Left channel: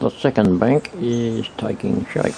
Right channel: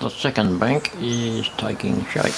The second bank is taking shape.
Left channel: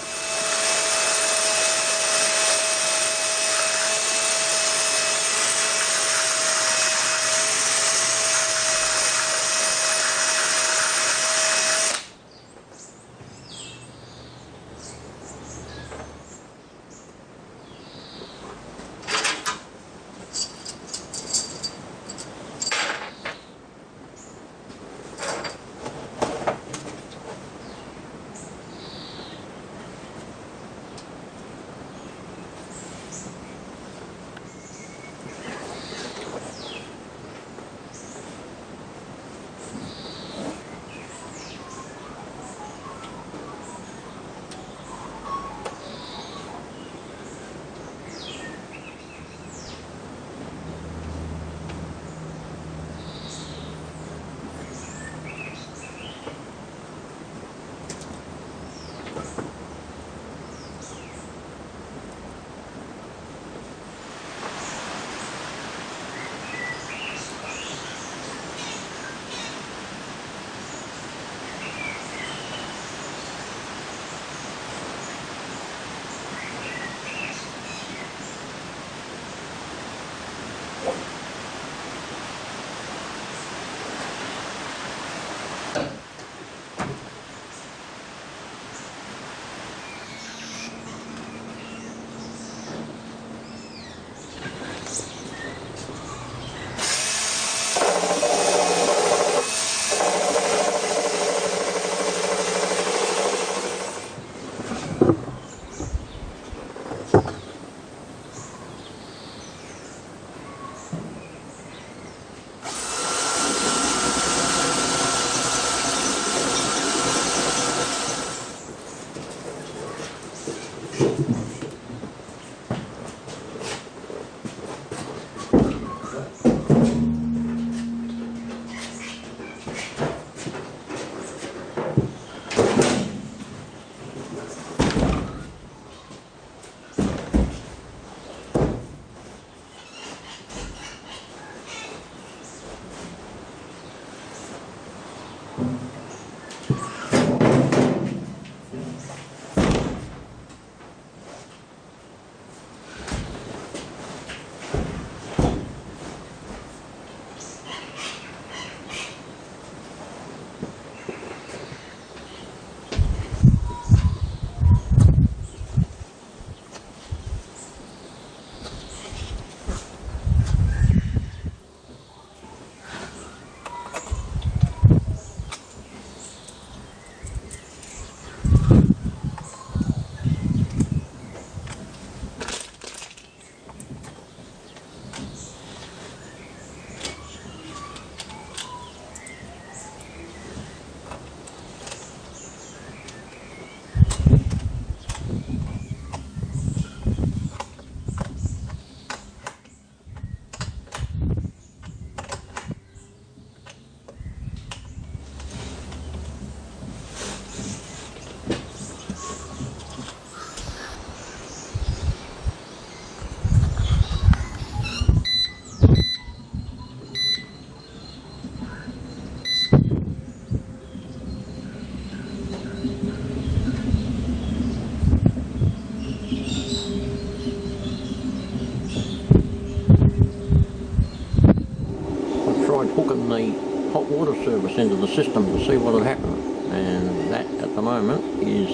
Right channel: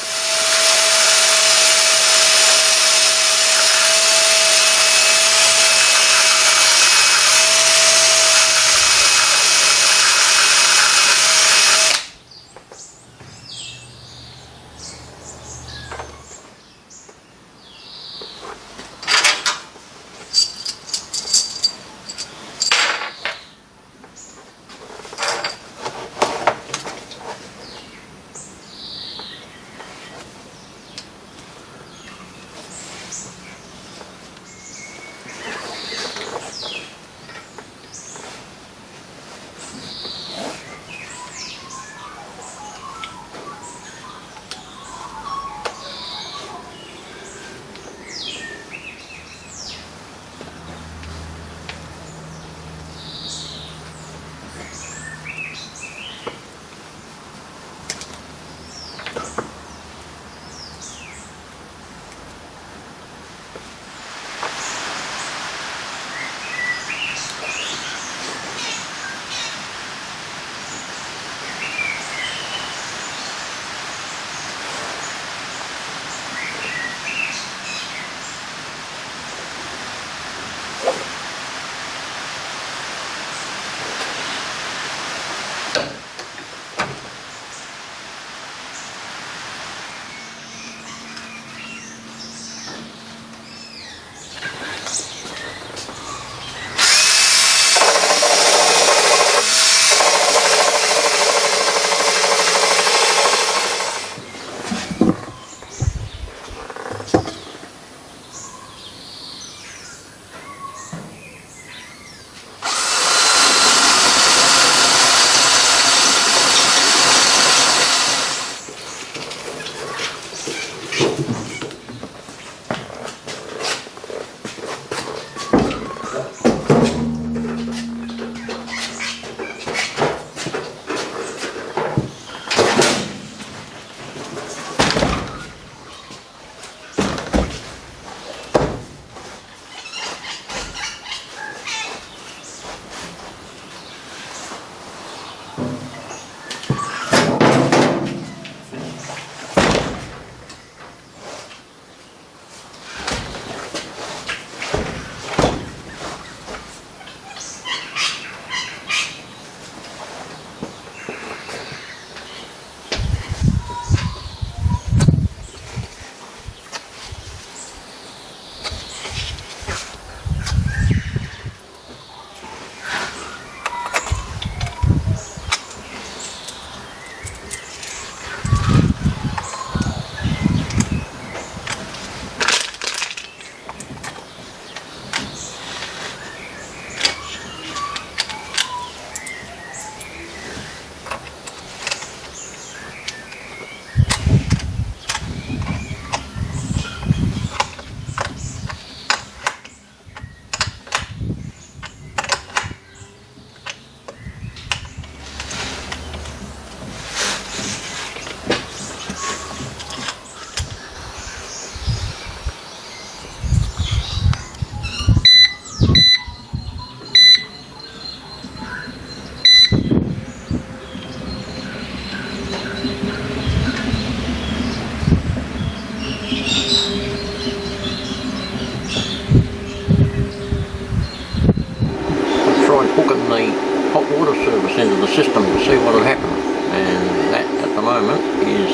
Hot water service into the system to see what will happen, and that at the moment is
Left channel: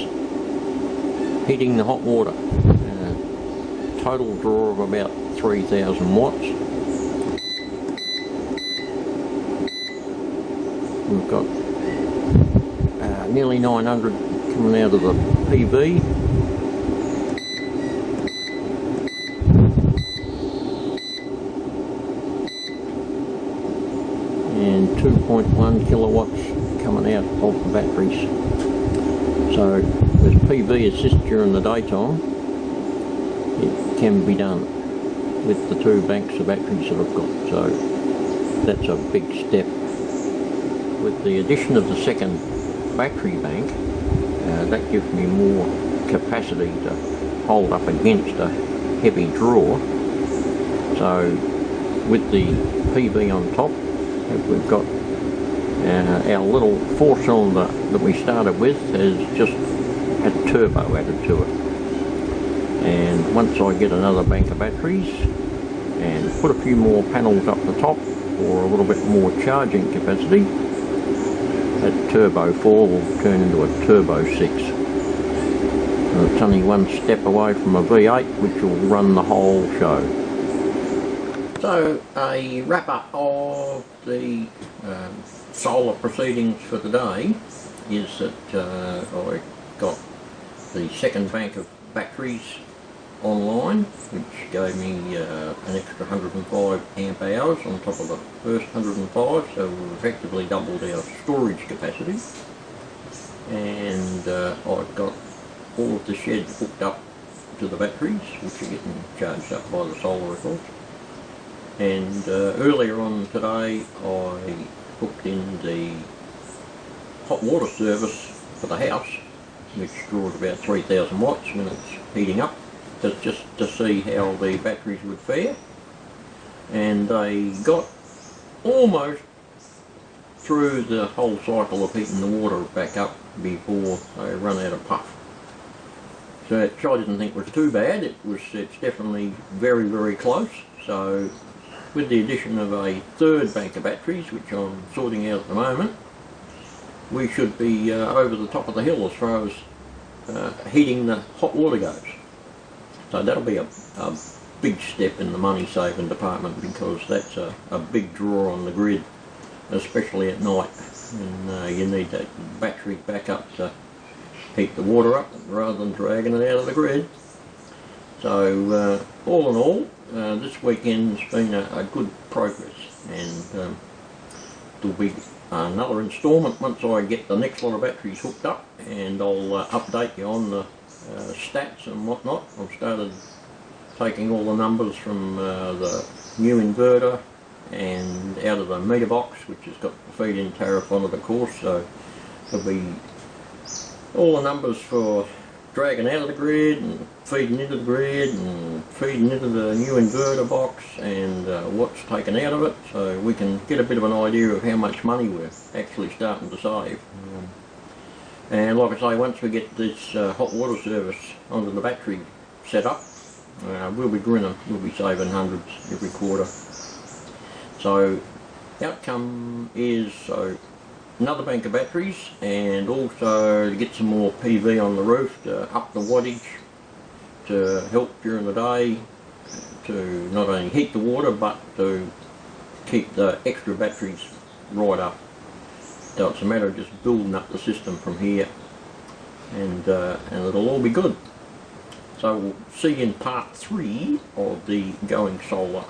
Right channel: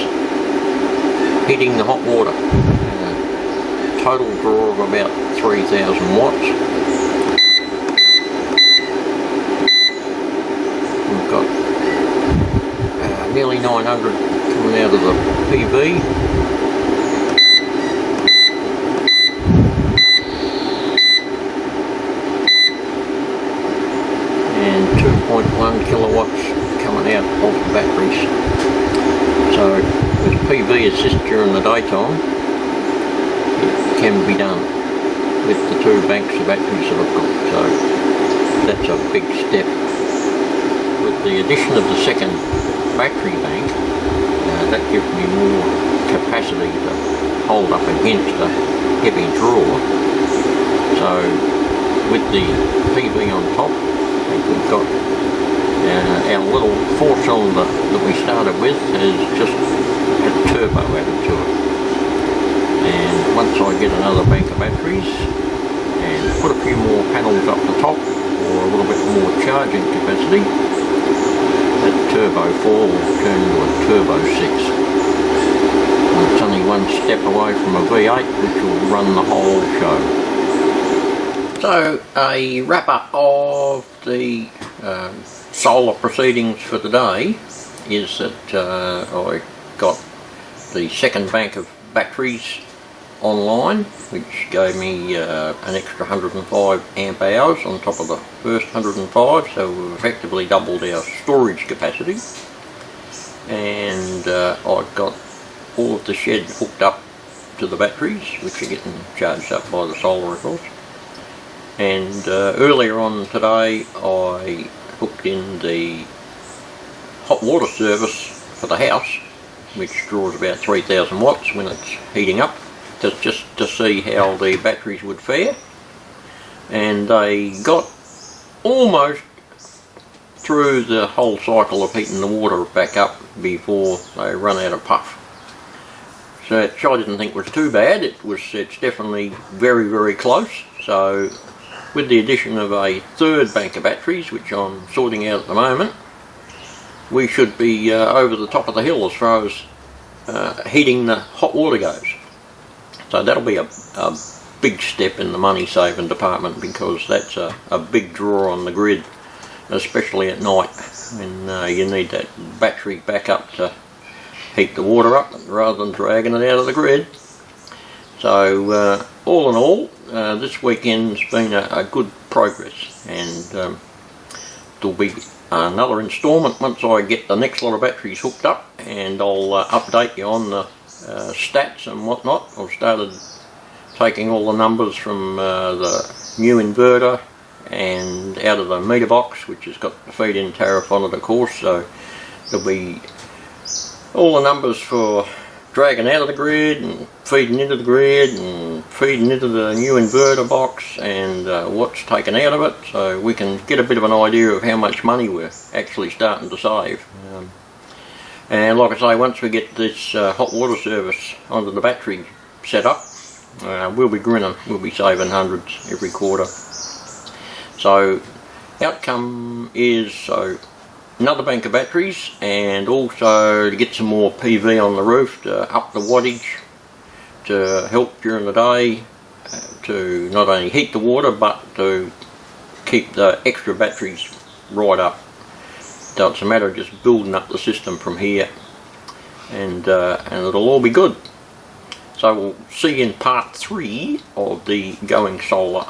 heating the hot water. Total draw of about 3,000 watts. We've got nearly 900 coming out of the PV. And 2.1 kilowatts coming out of the batteries. So with PV assist during the daytime, it can be done with the two banks of batteries that I've got. So that's a big step. With the addition of the second battery bank, that gives me more capacity to hold up against a heavy draw. So with the PV on top, we've got Our little 4-cylinder that we started with has just a turbo added to it. And once I get another bank of batteries and put a few more panels up the top for a little bit more charging capacity, that turbo 4 will turn into a turbo 6. And it's only one step away from a V8 which will run the whole show. So a wrap up of the solar proceedings for today is that I got the second bank of batteries online, which gave me an extra 105 amp hours on top of the first 105, so we've effectively doubled our storage capacity. And I've got all of the shed hooked up to the batteries, which are getting charged up by the solar, of course. And earlier on today I hooked in the hot water service for the house, which draws about 3000 watts when it's heating up, just to see how the batteries would fare. And they got almost through the whole cycle of heating the water back up before they run out of puff. So which I didn't think was too bad. It's definitely very, very close. So with the addition of a third bank of batteries, which I'm sorting out at the moment, we should be over the top of the hill as far as heating the hot water goes. So that'll be a big step in the money saving department, because that's a big draw on the grid, especially at night when you need that battery backup to heat the water up rather than dragging it out of the grid. So all in all, this weekend's been a good progress, and there'll be another instalment once I get the next lot of batteries hooked up, and I'll update you on the stats and whatnot. I've started taking all the numbers from the new inverter and out of the meter box, which has got the feed-in tariff on it, of course, so there'll be all the numbers for dragging out of the grid and feeding into the grid and feeding into the new inverter box, and what's taken out of it, so we can get a bit of an idea of how much money we're actually starting to save. And like I say, once we get this hot water service onto the battery set up, we'll be grinning. We'll be saving hundreds every quarter. So outcome is another bank of batteries, and also to get some more PV on the roof to up the wattage to help during the day to not only heat the water but to keep the extra batteries right up. So it's a matter of just building up the system from here, and it'll all be good. So we'll see you in part 3 of the Going Solar